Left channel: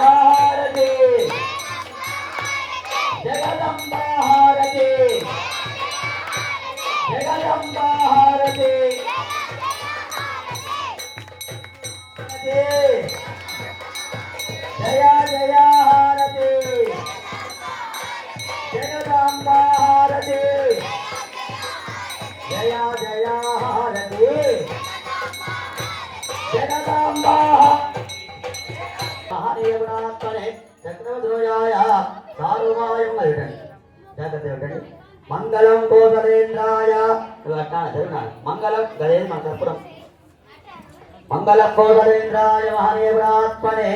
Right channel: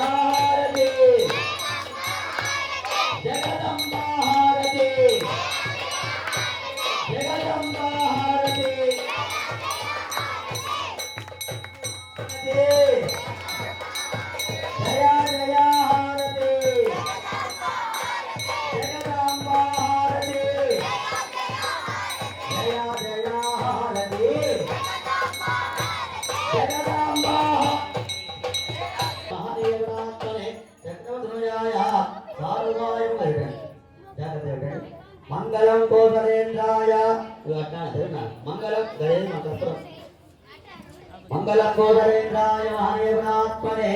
जयाहारते जगदम्बा हारते जगदम्बा हारते जया जया हारते जगदम्बा हारते जया जया हारते जगदम्बा महादेवनात्मने चक्रवध्वजाय सार्वभायं वरिष्ठं जागृते मंगलं कोसलेन्द्राय मंगलं गणेश मंगलपुरम मंगलं कोसलेन्द्राय महादेवनात्मने